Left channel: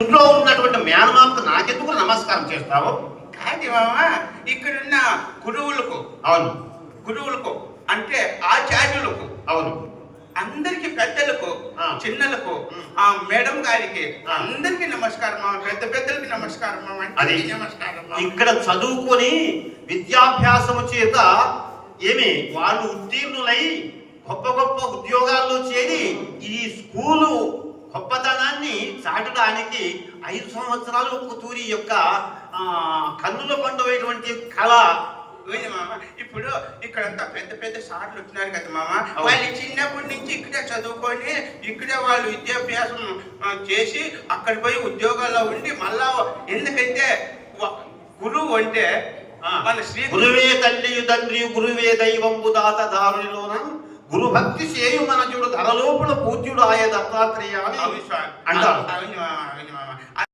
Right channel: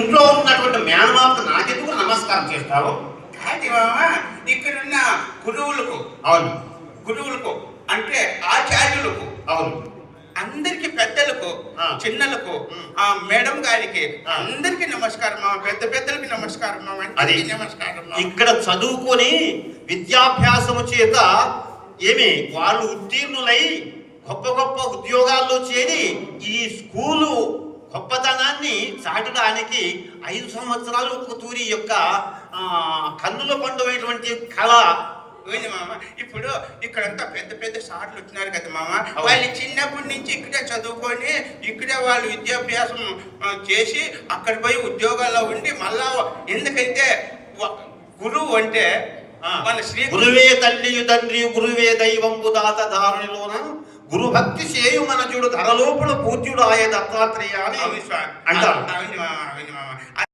ఇంట్లో ఉన్నటువంటి మేనమామకు నాకెందుకు నమస్కారం చేస్తావు కాదు మామ ఇక్కడున్న గురువులకు అవును గురువులకు అంటే ఆచార్యులకు అవును అందరికి పెద్దలకు. చిన్నలకు. ఆ మేడం గారికి. అందరికి నమస్కారం మామ పెద్ద పెద్దలకి నమస్కారం మామ అది నమస్కారం. ఇక్కడ చదువుకొని విద్యాభ్యాసము చేత ఏమి వాళ్ళు ఉత్తీర్ణులై గొప్ప గొప్ప ఉద్యోగాల్లో చేరి ఈ స్కూలు గొప్పతనాన్ని చాటడానికి ఐదు సంవత్సరాలు ఒక తూరి యొక్క కన్నుల పండుగైనటువంటి కళ. మామ. ఇప్పుడు ఇక్కడంతా పెద్ద పెద్ద సార్లు వచ్చినారు కదా మామ. వాళ్ళు చిన్నప్పటి నుంచి ఇక్కడే చదువుకొని ఇక్కడే వాళ్ళు విద్యాభ్యాసం చేసి అక్కడ పోయి ఉద్యోగాల్లో ఉండి మళ్ళా ఎందుకంటే గురువు అంటే మన శ్రీ గురువే తల్లి తండ్రి గురువే దైవంబు దాత దారునిలోన గురు భక్తి చేయు మనజుడు ధరలోపుల పూజ్యుడు ఆయ దత్తాత్రేయ అని. అంటారు